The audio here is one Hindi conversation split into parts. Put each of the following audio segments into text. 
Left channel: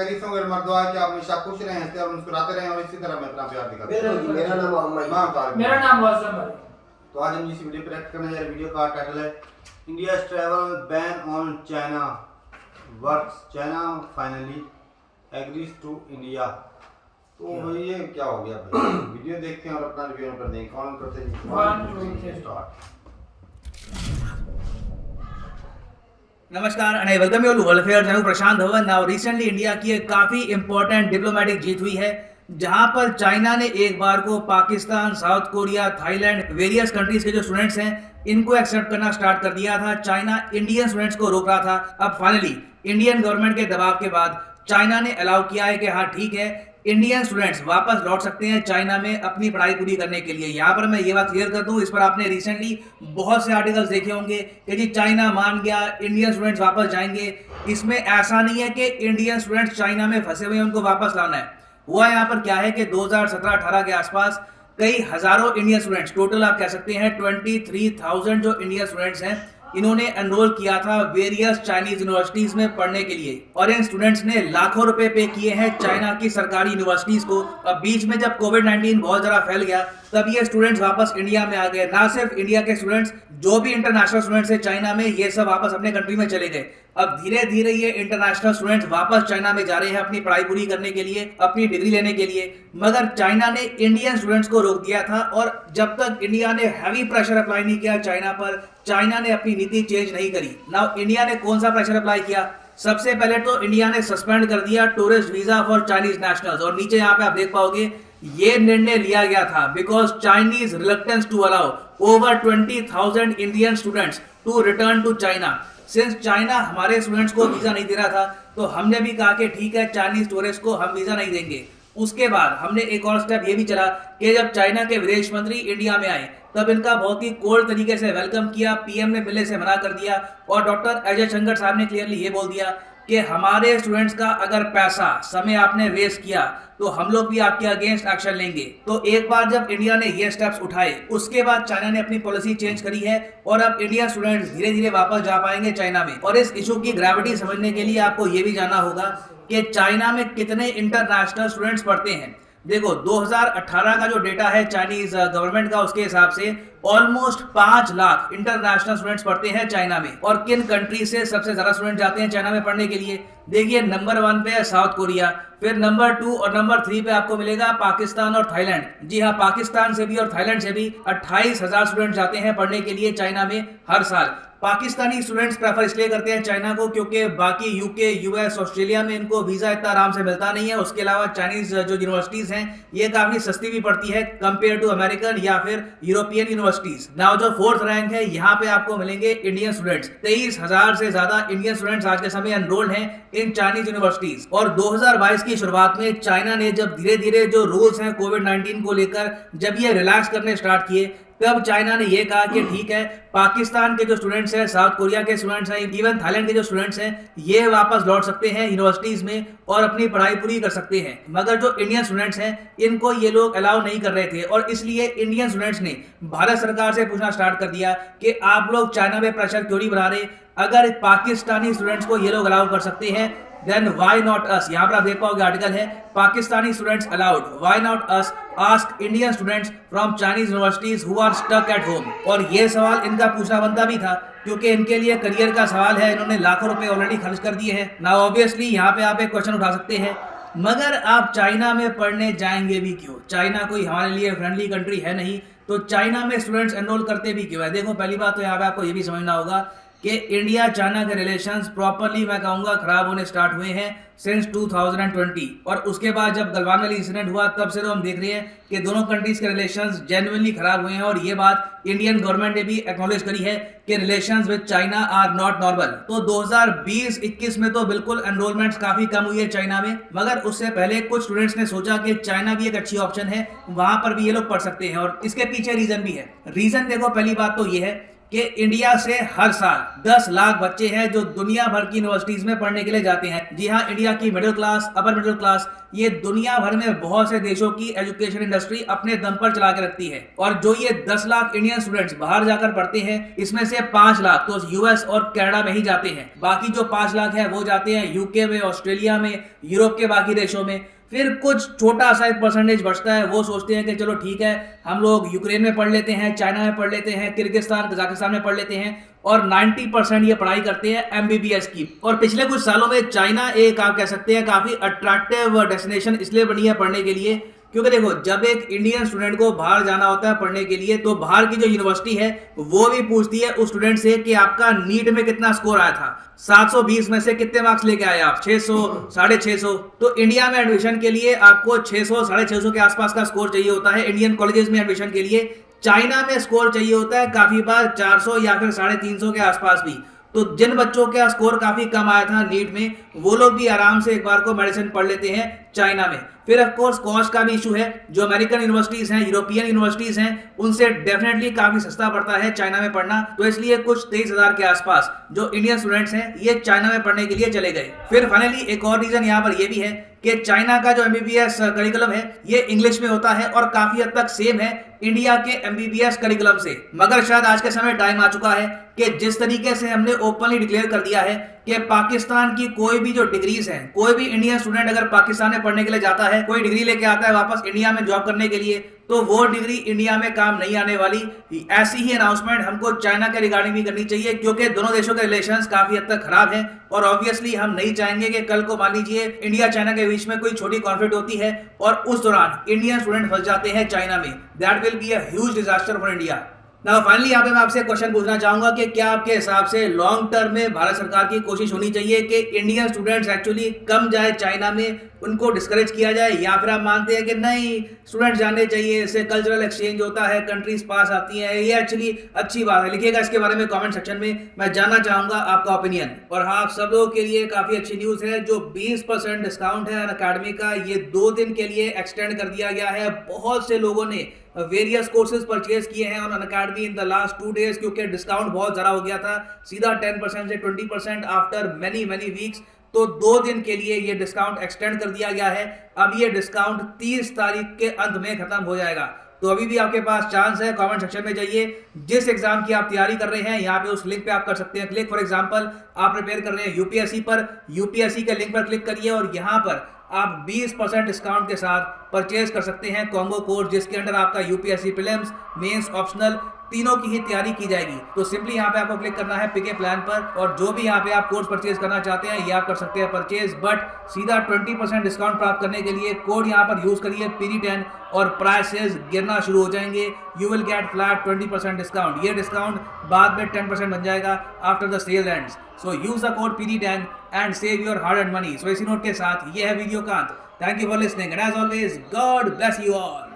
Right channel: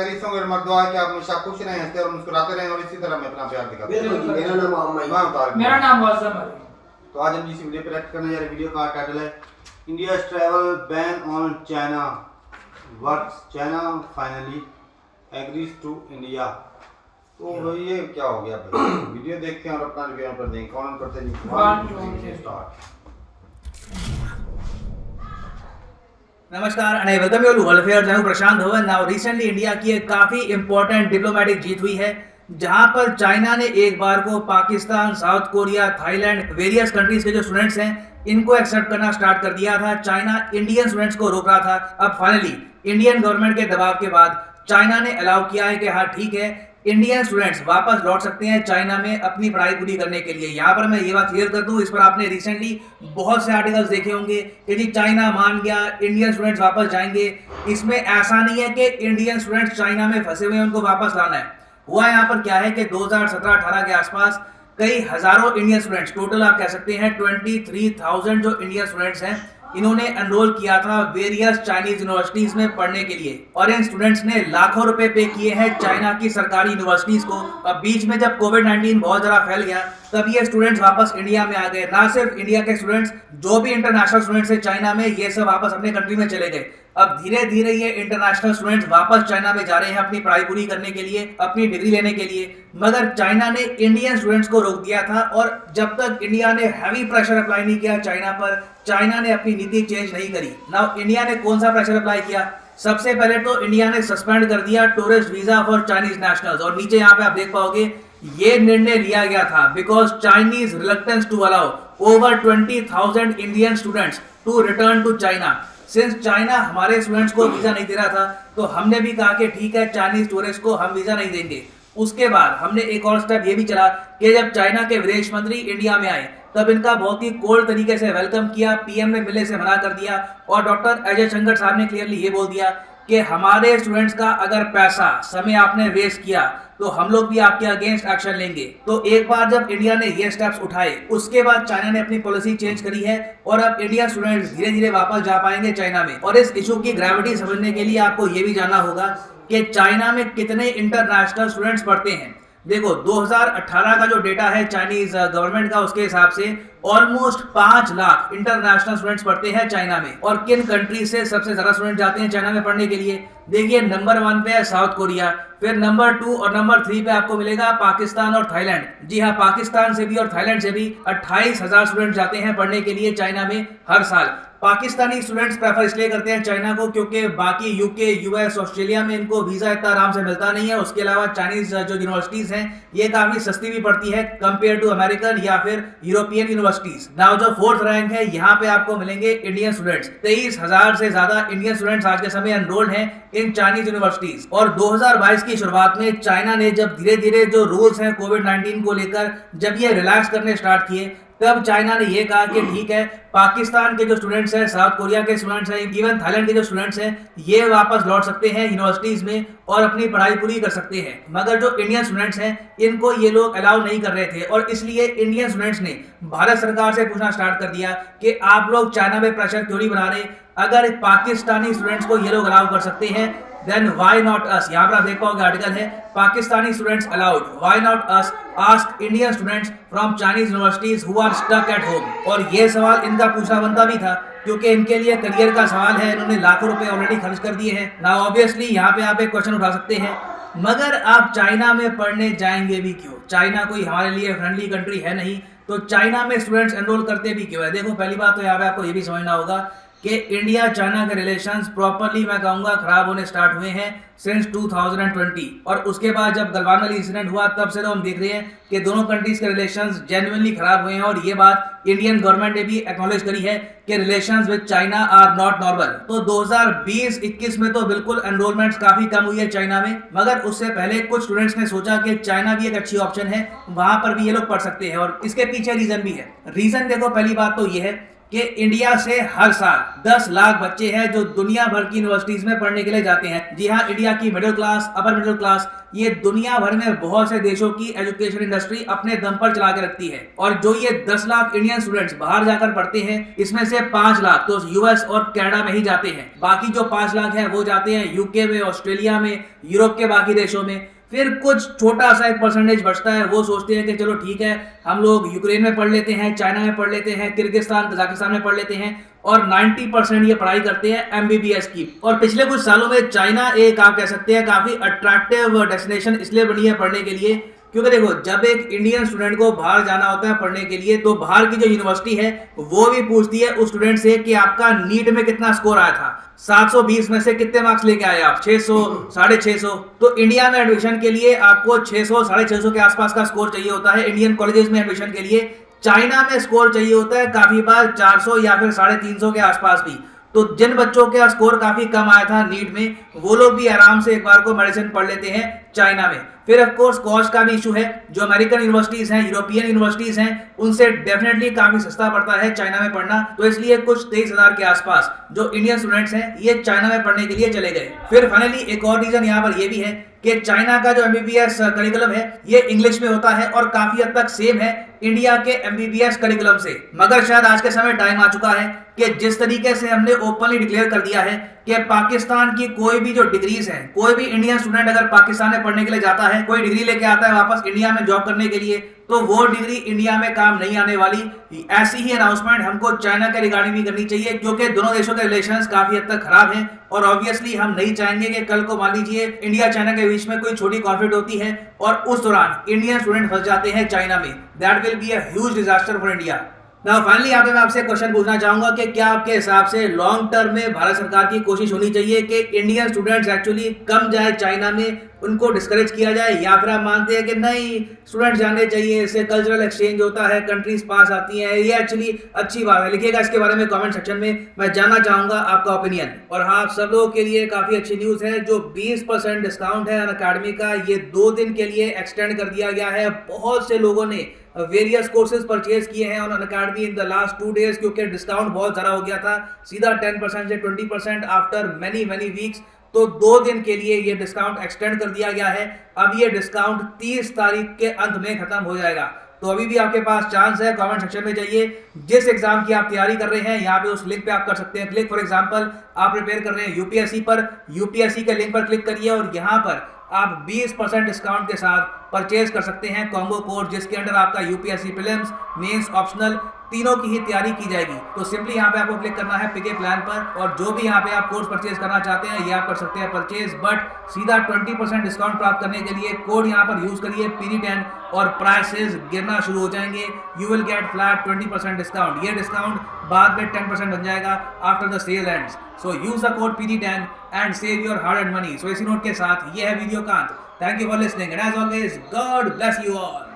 खैरियत से होंगे। हमारा दुआ है कि आप हमेशा खुश रहें, हंसते और मुस्कुराते रहें और इसी तरह हमें अपना प्यार दिखाते रहें। बिल्कुल जी, मेरा नाम मोहम्मद। मेरा नाम वासम है। तो आज हम जिस वीडियो पे रिएक्ट करने जा रहे हैं, वीडियो का टाइटल है India's travel ban on China works, China finally agrees to India. तो भाई ये क्या हो गया भाई? वीडियो देखते हैं और अपना रिव्यू पर दें। कौन करते हैं? 1 2 3 स्टार्ट। नमस्कार and welcome you to world affairs. मैं हूं Prashant Dhawan. Now recently India की एक काफी इंपॉर्टेंट डिप्लोमेटिक जीत हुई है, जहां पर चाइना ने एक बार को Pakistan, south Korea, Thailand, various countries के जो स्टूडेंट्स हैं इनको एक्सेप्ट करना स्टार्ट कर दिया था। चाइना इंडियन स्टूडेंट्स को रोक रहा था। अब फाइनली इंडियन गवर्नमेंट के दबाव के बाद चाइना ने अलाउ किया है कि हाँ ठीक है, इंडियन स्टूडेंट्स वापस लौट सकते हैं चाइना में अपनी पढ़ाई पूरी करने के लिए। यहाँ पर मैं ये बात क्लियर कर दूं, इस पर आपने रिसेंटली बहुत से आर्टिकल्स देखे होंगे कि जी चाइना मान गया, इंडियन स्टूडेंट्स वापस जाएंगे। इसमें ऐसा नहीं है कि इंडियन स्टूडेंट्स चाइना में फंसे हुए हैं उनको वापस लाना है। हुआ यहाँ पर क्या है कि 2017-18 के आसपास कई हजारों इंडियन स्टूडेंट्स, टोटल आप कह सकते हैं 23,000 जो इंडियन स्टूडेंट्स हैं, इन्होंने एनरोल किया था वेरियस चाइनीज यूनिवर्सिटीज में पढ़ने के लिए और इन स्टूडेंट्स ने लाखों रुपए पे किए हैं चाइना की सरकारी यूनिवर्सिटीज को। अब बीच में जब कोविड-19 बहुत ज्यादा फैल गया तब ये स्टूडेंट्स वापस इंडिया में आ गए। ना सिर्फ इंडिया के स्टूडेंट्स, जो भी इंटरनेशनल स्टूडेंट्स है चाइना में, ये सब वापस अपने कंट्री में चले गए। अब धीरे धीरे ये इंटरनेशनल स्टूडेंट्स वापस चाइना में जा रहे हैं अपनी पढ़ाई पूरी करने के लिए, अपनी डिग्री लेने के लिए। मगर चाइना ने इंडियन स्टूडेंट्स को रोक दिया था और जब तक इंडिया ने हैवी प्रेशर अप्लाई नहीं किया चाइना पर, चाइना ने अपनी नीति चेंज नहीं करी। नाउ इंडिया ने कौन सा प्रेशर अप्लाई किया? सबसे पहले तो इंडिया ने सस्पेंड कर दिया tourist visa for Chinese nationals और नीचे यहाँ पे आप देख पाओगे ये निर्णय लिया गया था because Chinese reluctance to allow over 20,000 Indian students to return to China. Since China हमारे स्टूडेंट्स को वीजा नहीं दे रहा था तो हमने भी कहा कि ठीक है, चाइनीज टूरिस्ट को हम वीजा नहीं देंगे। उसके बाद हमने एक और स्टेप ये भी चला कि जब चाइना के विदेश मंत्री इंडिया में आए तब इनका बहुत ही कोल्ड तरीके से वेलकम किया, पीएम ने मिलने से मना कर दिया और डॉक्टर अजय शंकर साहब ने क्लियरली ये बोल दिया कि हमारे स्टूडेंट्स का अगर पैसा, समय आपने वेस्ट किया तो हम लोग भी आपके अगेंस्ट एक्शन लेंगे। तो एक बार जब इंडिया ने ये स्टेप्स उठाए उसके बाद चाइना ने अपनी पॉलिसी चेंज करी है और अब इंडियन स्टूडेंट्स धीरे धीरे वापस जा पाएंगे चाइना में। और इस इशू की ग्रेविटी समझने के लिए आपको ये भी जानना होगा कि चाइना में कितने इंटरनेशनल स्टूडेंट्स पढ़ते हैं। देखो 2018 का जो डेटा है चाइनीज गवर्नमेंट का, उसके हिसाब से ऑलमोस्ट 5 लाख इंटरनेशनल स्टूडेंट्स पढ़ते हैं चाइना में। और किन कंट्री से सबसे ज्यादा स्टूडेंट जाते हैं चाइना में पढ़ने के लिए? देखिए नंबर 1 पे है साउथ कोरिया, फिर नंबर 2 और नंबर 3 पे आपको मिलेगा पाकिस्तान और थाईलैंड। जी हाँ, पाकिस्तान से भी और थाईलैंड से भी 28,000 स्टूडेंट जाते हैं पढ़ने के लिए चाइना में हर साल। पाकिस्तानी स्टूडेंट्स प्रेफर इसलिए करते हैं चाइना को क्योंकि बाकी यूके, यूएस, ऑस्ट्रेलिया में इनको वीजा इतना आराम से मिलता नहीं है। उसके अलावा चाइनीज जो यूनिवर्सिटीज हैं ये काफी सस्ती भी पड़ती है कंपेयर टू अमेरिकन या फिर यूरोपियन यूनिवर्सिटीज। नाउ जो 4th रैंक है यहाँ पे आपको मिलेंगे इंडियन स्टूडेंट्स। 23,000 से ज्यादा इंडियन स्टूडेंट्स आज के समय एनरोल्ड हैं इन चाइनीज यूनिवर्सिटीज। और 2022 की शुरुआत में चाइना ने जब धीरे धीरे जो रूल्स हैं कोविड-19 को लेकर जब ये रिलैक्स करने स्टार्ट किए तब चाइना ने ये कहा कि ठीक है, पाकिस्तान के जो स्टूडेंट्स हैं, साउथ कोरिया के स्टूडेंट्स हैं, इवन थाईलैंड के जो स्टूडेंट्स हैं, ये वापस लौट सकते हैं यूनिवर्सिटीज में और अपनी पढ़ाई पूरी कर सकते हैं। मगर जो इंडियन स्टूडेंट्स हैं इनको ये लोग अलाउ नहीं कर रहे थे और इसलिए इंडियन स्टूडेंट्स ने भारत सरकार से पूछना स्टार्ट कर दिया कि आप लोग चाइना में प्रेशर क्यों नहीं बना रहे? अगर पाकिस्तानी स्टूडेंट्स को ये लोग अलाउ कर सकते हैं देन व्हाई नॉट अस। यहाँ पर आप देख पाओगे आर्टिकल है Pakistani students allowed, why not us, ask Indian students from Chinese universities who are stuck at home. और ये सवाल इनका पूछना बनता भी था क्योंकि इनके लिए करियर का सवाल है, इन्होंने लाखों रुपए ऑलरेडी खर्च कर दिए हैं। नाउ ऑब्वियसली यहाँ पे आप एक क्वेश्चन उठा सकते हैं, मगर आप चाइना में पढ़ने जाएंगे भी क्यों? चाइना कोई हमारे लिए फ्रेंडली कंट्री है नहीं, तो चाइना में स्टूडेंट्स एनरोल करते भी क्यों है? देखो पहली बात तो यहाँ पे आपको ये भी समझना होगा कि इंडिया चाइना के रिलेशंस प्रॉपरली मैं कहूँगा खराब होने स्टार्ट हुए हैं सिंस 2020। और उसके बाद जब गलवान वाली इंसिडेंट हुआ तब से तो हम देख रहे हैं कि दोनों कंट्रीज के रिलेशंस जेन्युइनली खराब हुए हैं और ये बात इंडियन गवर्नमेंट ने भी एक्नॉलेज करी है कि relations with China are not normal. तो 2020-21 में तो बिल्कुल एनरोलमेंट्स काफी कम हुई है चाइना में, मगर उससे पहले कुछ स्टूडेंट्स ने सोचा कि चाइना भी एक अच्छी ऑप्शन है, वहां पर भी ये लोग पढ़ सकते हैं और इसके पीछे रीजन भी है। रीजन देखो, पहली बात तो ये है कि इंडिया से हर साल 10 लाख बच्चे हैं जो दुनिया भर की यूनिवर्सिटीज में पढ़ने के लिए जाते हैं। जी हाँ, इंडिया की middle class, upper middle class, ये दुनिया भर में बहुत से देशों की एजुकेशन इंडस्ट्री अपने दम पर चला के रखती है। और जो ये 10 लाख इंडियन स्टूडेंट्स बाहर जाकर पढ़ते हैं, इसमें से 5 लाख तो यूएस और कनाडा में ही जाते हैं। बाकी जो 5 लाख है वो जाते हैं यूके में, ऑस्ट्रेलिया में, यूरोप के बाकी देशों में। फिर कुछ छोटा सा एक परसेंटेज बचता है, वो सोचते हैं कि चलो ठीक है, हम लोग यूक्रेन में पढ़ लेते हैं, चाइना में पढ़ लेते हैं, किर्गिस्तान, कजाकिस्तान में पढ़ लेते हैं, और 90% ये पढ़ाई करते हैं एमबीबीएस की। और पिछले कुछ सालों में चाइना एक आप कह सकते हैं काफी अट्रैक्टिव डेस्टिनेशन इसलिए बनी है पढ़ने के लिए, क्योंकि देखो जब एक इंडियन स्टूडेंट को बाहर जाना होता है पढ़ने के लिए, तो बाहर की जो यूनिवर्सिटी है वो भी पूछती है उस स्टूडेंट से कि आपका नीट में कितना स्कोर आया था, 720 में से कितने मार्क्स लेके आए आप, 600, 650। तो इंडिया में एडमिशन के लिए आपको 600, 650 के आसपास का स्कोर चाहिए होता है इंडियन कॉलेजेस में एडमिशन के लिए। चाइना में स्कोर चाहिए होता है काफी बार 400 या फिर 350 के आसपास भी। तो जिन बच्चों का स्कोर काफी कम आया था नीट में, वो लोग भी आराम से एक बार को मेडिसिन पढ़ लेते हैं चाइना में। फिर ऑफ कोर्स कॉस्ट का भी इशू है, जो अमेरिकन यूनिवर्सिटीज हैं, यूरोपियन यूनिवर्सिटीज हैं, उनसे डेफिनेटली काफी सस्ता पड़ता है चाइना में पढ़ना। तो इसलिए कुछ 23,000 के आसपास जो इंडियन स्टूडेंट्स हैं ये चाइना में पढ़ने के लिए चले गए। फिर फाइनली एक और रीजन यहाँ पर ये भी है कि चाइना का जो एमबीबीएस करिकुलम है ये इंग्लिश में होता है और काफी हद तक सेम है इंडिया के एमबीबीएस करिकुलम से। मगर शायद आज के समय टाइम आ चुका है कि जिस तरीके से हमने ओपनली डिक्लेयर कर दिया है कि पाकिस्तान की कोई भी जो डिग्रीज हैं, कोई भी इंडियन स्टूडेंट अगर पाकिस्तान में पढ़ने के लिए जाता है, कोई डिग्री लेके आता है वापस इंडिया में जॉब करने के लिए, तो वो डिग्री इंडिया में काम नहीं आने वाली। ऐसी ही अनाउंसमेंट हमको चाइना के रिगार्डिंग भी करनी चाहिए, क्योंकि दोनों देशों के रिलेशंस काफी हद तक खराब हैं और ऑब्वियसली हम नहीं चाहेंगे कि कल को मान लीजिए इंडिया चाइना के बीच में कोई छोटी कॉन्फ्लिक्ट होती है और उस दौरान इंडियन स्टूडेंट फंस जाते हैं चाइना में। That will be a huge disaster for India. Now finally यहाँ पे मैं आपसे क्वेश्चन पूछना चाहूंगा कि क्या आपके हिसाब से लॉन्ग टर्म में भारत सरकार की कोशिश होनी चाहिए कि इंडियन स्टूडेंट्स एक्चुअली कम जाए चाइना में, उनको डिस्करेज किया जाए, या फिर आप मानते हैं कि नहीं स्टूडेंट्स जाने चाहिए, इससे कल्चरल एक्सचेंज होता है, कंट्रीज पास आती हैं, ये एक्चुअली अच्छी बात है? लिखिएगा इसके बारे में कमेंट सेक्शन में, मैं जानना चाहूंगा आपका ओपिनियन। और हाँ, आप सब लोगों के लिए काफी अच्छी न्यूज है, जो 20% डिस्काउंट है अनअकैडमी का, ये 2 दिन के लिए एक्सटेंड कर दिया गया है। बहुत से लोगों ने वेरियस कोर्सेज परचेज किए हैं on Unacademy in the last 2 days, क्योंकि डिस्काउंट बहुत ज़्यादा हो गया था, सीधा 10% से 20% आफ्टर मैनी वीक्स। तो 2 दिन के लिए ये डिस्काउंट एक्सटेंड कर दिया गया है। अब ये डिस्काउंट 30 तारीख के अंत में खत्म हो जाएगा। तो अभी भी आपके पास चांस है, कमेंट सेक्शन में जाइए, जिस एग्जाम की आप तैयारी कर रहे हैं यहाँ पे उस लिंक पे आप कर सकते हैं क्लिक। फॉर एग्जांपल आप प्रिपेयर कर रहे हैं यूपीएससी पर, यूपीएससी के लिंक पर क्लिक करिए और यहाँ पर आप 20% डिस्काउंट के साथ परचेज कर सकते हैं कॉम्बो कोर्स, जिसके अंडर आपका यूपीएससी प्रीलिम्स, मेंस, ऑप्शनल तीनों की ही तैयारी की जाएगी। तो सिंपली यहाँ पे आपको क्लिक करना है पिक ए प्लान पर, और जो भी यहाँ पे आप कोर्स परचेज करना चाहते हैं ये आप कर सकते हैं परचेज। बट सीधा 20% डिस्काउंट प्राप्त करने के लिए कोड यहाँ पर यूज करिए PD10 और प्राइसेस गिरना शुरू हो जाएंगे। You will get flat 20% discount. ये डिस्काउंट बाद में 10% बन जाएगा after the sale ends. So use the code PD10 and save your hard and money. सो इसी नोट के साथ ये है वीडियो का अंत। Thank you for listening and as always God bless you all.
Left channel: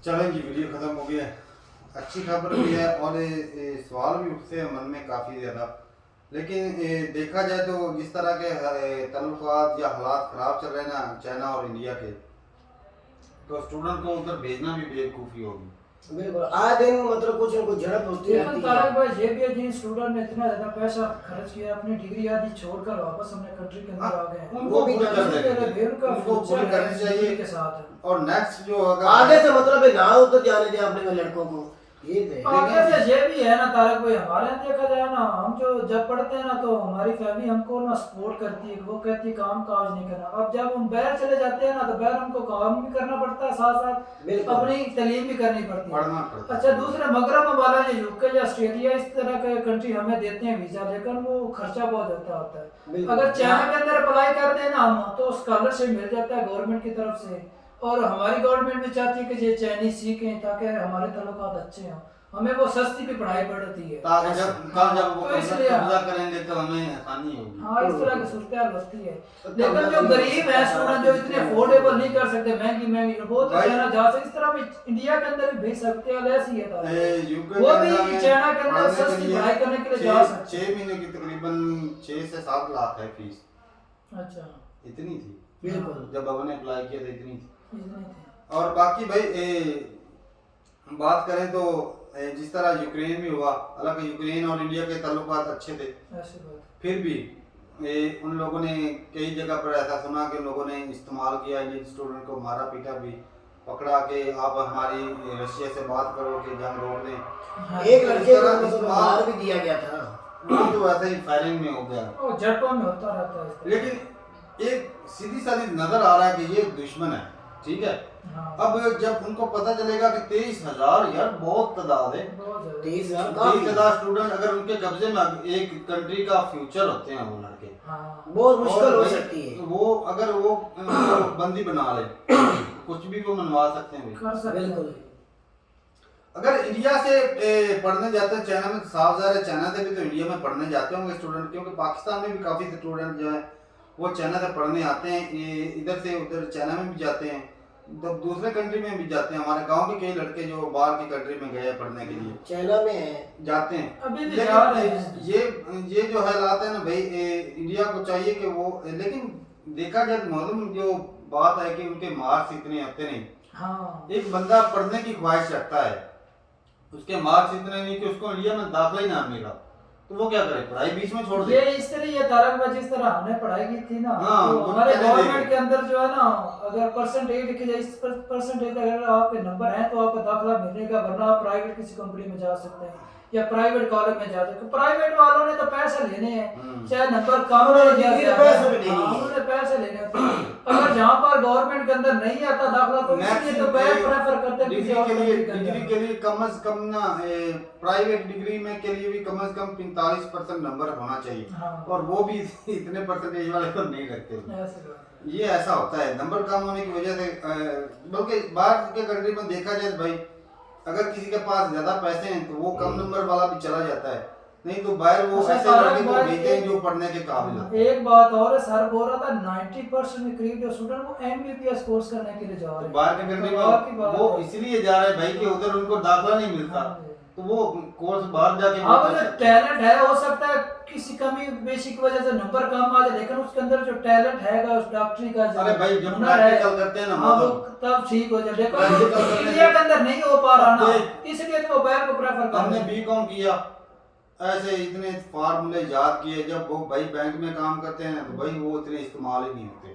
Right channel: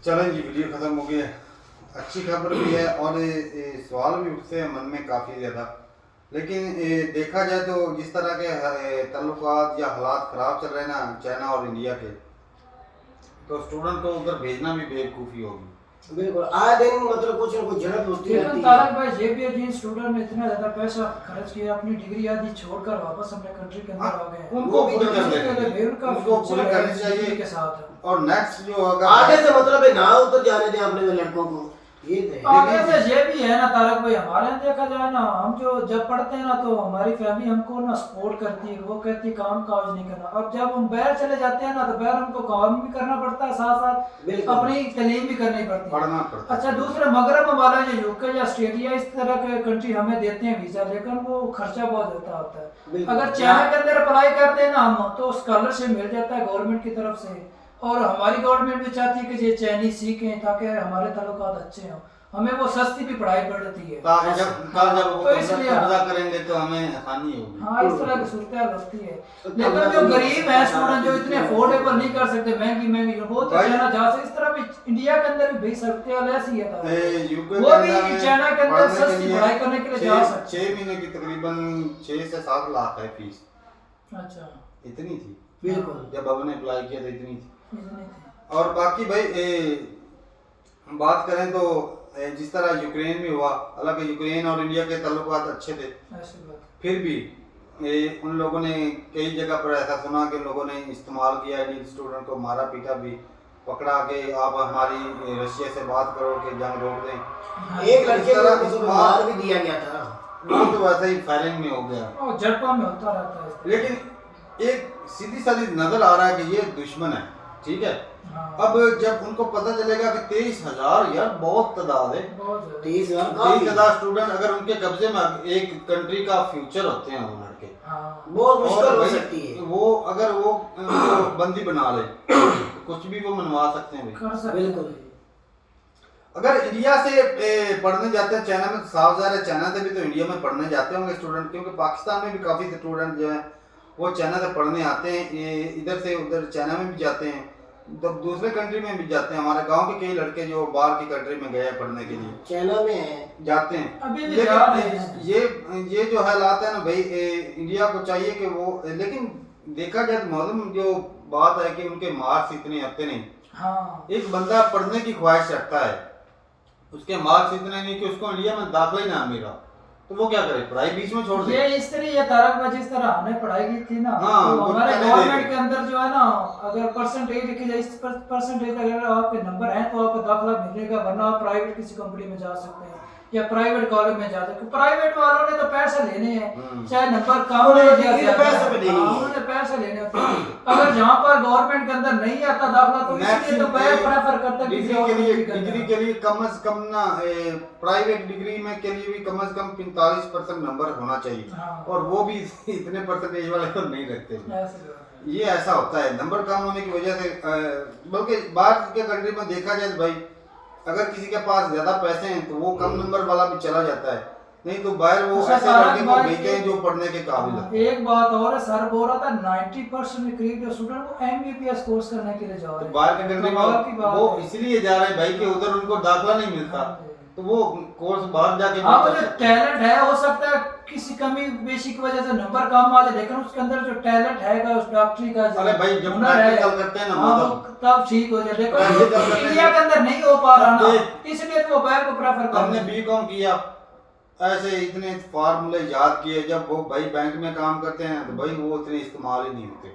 चलें जी, वीडियो ख़त्म हो गया है। अच्छी खबर भी है और सवाल भी उठते हैं मन में काफ़ी ज़्यादा, लेकिन देखा जाए तो जिस तरह के तल्लुकात या हालात ख़राब चल रहे हैं ना चाइना और इंडिया के, तो स्टूडेंट को उधर भेजना भी बेवकूफ़ी होगी। बिल्कुल, आए दिन मतलब कुछ न कुछ झड़प होती रहती है। तारक भाई, ये भी है जिन स्टूडेंट ने इतना ज्यादा पैसा खर्च किया, अपनी डिग्री आदि छोड़कर वापस अपने कंट्री के अंदर आ गए, उनको पूरी करनी चाहिए के साथ। और नेक्स्ट जो अगर आगे से मतलब है ना उधर जाने दें अपने लड़कों को, ये आगे से ये भी है ना तारक भाई, हमारे यहाँ देखा जाए ना, हम जो जब पढ़ते हैं ना तो हमारी फैमिली हमको ना सपोर्ट करती है, वो कहती है काम काज नहीं करना। अब जब हम बाहर चले जाते हैं ना तो बाहर हमको काम भी करना पड़ता है, साथ साथ अपनी तालीम भी करनी पड़ती है, पढ़ना पड़ता है। अच्छा, दूसरा मगरब वाला जो यूके या ऑस्ट्रेलिया इस तरह के कंट्री हमें देते हैं वीजा, लेकिन वो खर्चा बहुत ज्यादा होता है। अगर चाइना के अंदर अप्लाई कर देना हम तो स्कॉलरशिप मिल जाता है गवर्नमेंट की तरफ से, और हमारी गवर्नमेंट भी चाहती है कि ये चाइनीज सीखें ताकि हमारे ताल्लुकात अच्छे हों, हमें वो सस्ती भी पढ़ाई पड़ती है। ताकि जब जब वो तो इसलिए कब्जा करेंगे तो हमें आसानी होगी। हाँ, इस तरह की सूरत हाल होती है। लेकिन जो गरीब है स्टूडेंट, जो इतने अफोर्डेबल नहीं कर सकते, महंगी वो तो चाइना जा सकते। इस तरह भी इंडिया के अंदर भी भेज सकते हैं, ऐसी है वो भी चाइना के अंदर सस्ती पढ़ाई करने के लिए जा सकते हैं। 6 महीने की तकरीबन 6 से 7 लाख है फीस। अच्छा, इतनी थी बिल्कुल। जब हमने अप्लाई किया था, इतनी थी। इतनी थी। और बाकी भाई बात करें तो जिस तरह यूक्रेन में हुआ, हालांकि यूक्रेन और इंडिया के ताल्लुकात अच्छे थे, ऐसी बात। फिर भी उन लोगों ने कई जगह पर ऐसा सुना कि लोगों ने इस्तेमाल किया, इंडियन स्टूडेंट को मारा पीटा भी, पकड़ा के आप हमारी रशिया से बात करो कि जंग रोक दें। एक लड़के इस तरह को तो मार भी दिया गया था। वो तो वैसे ही फायरिंग में हो गया। और झड़पों में होता रहता है इस तरह। लेकिन एक सीधी सादी नजर आ रहा है कि ये दुश्मन है, ठीक है। हाँ, अब जब उनको पता चलेगा कि 23,000 यार बहुत तादाद है, बहुत ज्यादा। 23,000 स्टूडेंट अगर उनके कब्जे में एक कंट्री का फ्यूचर होते हैं वो लड़के, हाँ, बहुत मुश्किल और हो भाई सकती है। वो अगर वो बंदी बना ले तो कुछ भी वो मनवा सकते हैं भाई। कर सकते बिल्कुल। हैं। अगर इंडिया से पढ़ने जाते हैं चाइना में, साफ ज़ाहिर है चाइना से भी तो इंडिया में पढ़ने जाते होंगे स्टूडेंट, क्योंकि पाकिस्तान में भी काफ़ी स्टूडेंट जो है वो चाइना से पढ़ने आते हैं, इधर से उधर चाइना में भी जाते हैं, तो दूसरे कंट्री में भी जाते हैं। हमारे गांव के कई लड़के जो बाहर की कंट्री में गए हैं पढ़ने के लिए, चाइना में है जाते हैं। अभी भी जा रहे लेकिन हैं। ये जो हालात है ना भाई, इंडिया को चाहिए कि वो, लेकिन देखा जाए तो मालूम जो बात है कि उनके मार्क्स इतने आते नहीं। हाँ, एक बंदा पढ़ने की ख्वाहिश रखता है, उसके मार्क्स इतने नहीं कि उसको इंडिया में दाखिला ही ना मिला, तो वो क्या करे, पढ़ाई बीच में छोड़ दे। ये इस तरह ये तारक भाई जिस तरह हमने पढ़ाई की थी ना, हाँ, तो वो हमारे पहले गवर्नमेंट देखे। के अंदर जो है ना, अगर परसेंटेज लिखी जाए, इस परसेंटेज अगर आपके नंबर हैं तो आपको दाखिला मिलेगा, वरना आप प्राइवेट किसी कंपनी में जा सकते हैं या प्राइवेट कॉलेज में जा सकते हैं। प्राइवेट वालों ने तो पैसे लेने हैं, चाहे नंबर कम हो या ज्यादा, पैसे भी देने हैं। उन्होंने पैसे लेने होते हैं। अगर जहाँ पर गवर्नमेंट के अंदर नहीं आता दाखिला तो इसलिए तो बैक प्रेफर करते हैं किसी और कंट्री के अंदर। डिग्री के लिए कम से कम ना प्राइवेट डिग्री में के लिए भी कम से कम 45% नंबर होना चाहिए, हाँ। और वो भी इतने परसेंटेज वाले तो नहीं रखते। ऐसी बात है। ये ऐसा होता है नंबर कम होने की वजह से, बल्कि बाहर के कंट्री में देखा जाए तो भाई अगर किसी के पास ज्यादा पैसे हैं तो वो कम नंबर वाला भी चला जाता है, नहीं तो बाहर वो अच्छा, ऐसे लड़के को तारक भेजते हैं भाई, जो पढ़ने के काबिल हाँ, होते हैं। एक बात और है, सर बोल रहा था 90% में करीब जो स्टूडेंट वो एमबीबीएस कोर्स करने के लिए जा रहे तो हैं। बाहर के कंट्री तो बाहर की में बात वो है। इसलिए जा रहे हैं भाई कि उधर उनको दाखिला नहीं मिलता, तो वो कोर्स बाहर जाके हाँ, कर वो जो सकते हैं। टैलेंट है, हो सकता है किसी कमी बेशी की वजह से नंबर कम आ जाए, लेकिन उसके अंदर जो टैलेंट है उस डॉक्टरी का जो अरे भाई जब हुनर है, प्रैक्टिकल करते हैं ना हाँ, वो वो तब ठीक हो जाए। देखो प्रैक्टिकल करते हैं। इंडिया के अंदर नहीं हो पा रहा ना, अब इसलिए तो वो बाहर को प्रेफर कर हमने रहे हैं। बीकॉम किया, ऐसे इतने फार्मूले याद किए, जब वो भाई बैंक में काम करते हैं तो भाई वो इतने इस्तेमाल ही नहीं होते,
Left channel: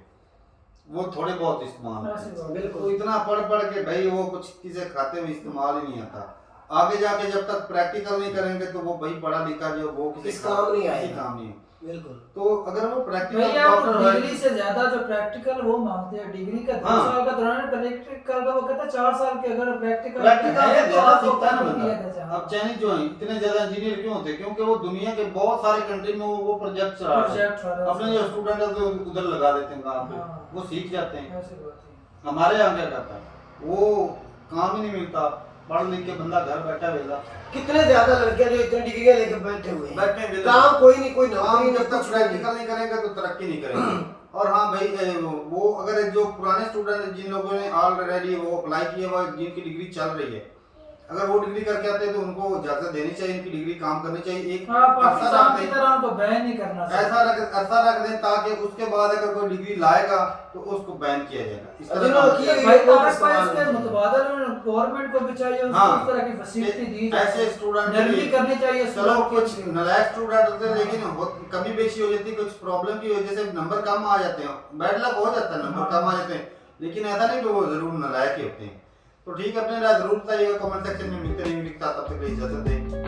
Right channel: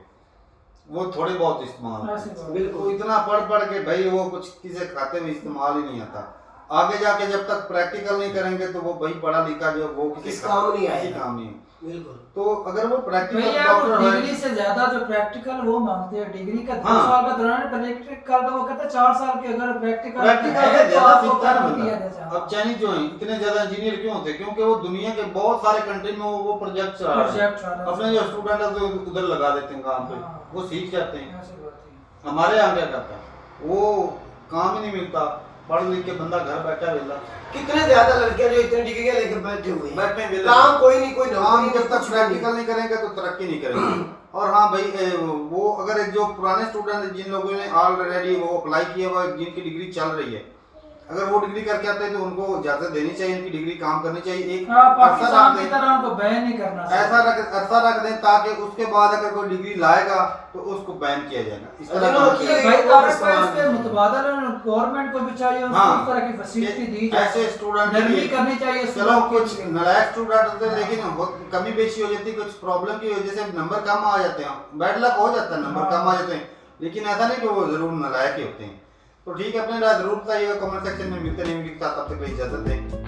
वो थोड़े बहुत इस्तेमाल होते ऐसी बात हैं। है। बिल्कुल, वो इतना पढ़ के भाई वो कुछ किसी खाते में इस्तेमाल ही नहीं आता। आगे जाके जब तक प्रैक्टिकल नहीं करेंगे तो वो भाई पढ़ा लिखा जो वो किसी इस काम नहीं किसी आएगा। काम नहीं। बिल्कुल। तो अगर वो प्रैक्टिकल भैया डॉक्टर डिग्री है, से ज्यादा जो प्रैक्टिकल वो मांगते हैं, डिग्री का 2 हाँ। साल का दौरान, प्रैक्टिकल का वो कहता है 4 साल के अगर प्रैक्टिकल प्रैक्टिकल है से तो ज्यादा आपको सीखता है ना दिया बंदा। जाता है। अब चाइनीज जो है इतने ज्यादा इंजीनियर क्यों होते हैं, क्योंकि वो दुनिया के बहुत सारे कंट्री में वो प्रोजेक्ट चला रहे प्रोजेक्ट चला रहे हैं, हैं। अपने जो स्टूडेंट है तो उधर लगा देते हैं काम पे, हाँ। वो सीख जाते हैं। ऐसी बात है। हमारे यहाँ क्या करता है, वो काम ही नहीं मिलता, पढ़ लिख के बंदा घर बैठा वेला, कितने ज्यादा लड़के जो इतने डिग्रियां लेके बैठे हुए हैं, बैठे वेले, काम कोई नहीं, कोई काम नौकरी जब नहीं, तक कुछ भी प्रैक्टिकल नहीं करेंगे तो तरक्की नहीं करेंगे। और हाँ भाई वो अगर जो पुराने स्टूडेंट जिन लोगों ने ऑलरेडी वो अप्लाई किया हुआ, जिनकी डिग्री चल रही है, अगर वो डिग्री करके आते हैं तो उनको इजाजत देनी चाहिए, उनकी डिग्री काम करनी चाहिए। एक हाँ, अरसा पाकिस्तान रख की दें, तरह उनको बैन नहीं करना ऐसा अरसा रख दें ताकि उसके बाद अगर कोई डिग्री लाएगा तो उसको बैन किया जाएगा। इस तरह अरे का वो मतलब किया है। भाई तारक भाई इस्तेमाल इसके नहीं। मुतबादल गवर्नमेंट को भी चाहिए उसको हाँ। इस तरह की फैसिलिटी दी जाए, ऐसे स्टूडेंट नरमी करनी चाहिए। चलो स्टूडेंट कुछ की। नालायक स्टूडेंट होते हैं, लेकिन बहुत कमी बेशी हो जाती है, कुछ प्रॉब्लम की वजह से नंबर कम आ जाते हैं, बैड लक हो जाता है, नंबर कम आ जाते हैं, लेकिन ऐसा नहीं कि वो जरूर नालायक ही होते हैं। तो ठीक है, अपने राय जरूर बताइएगा कमेंट सेक्शन में। मिलते रहेंगे, तब तक इजाजत दें।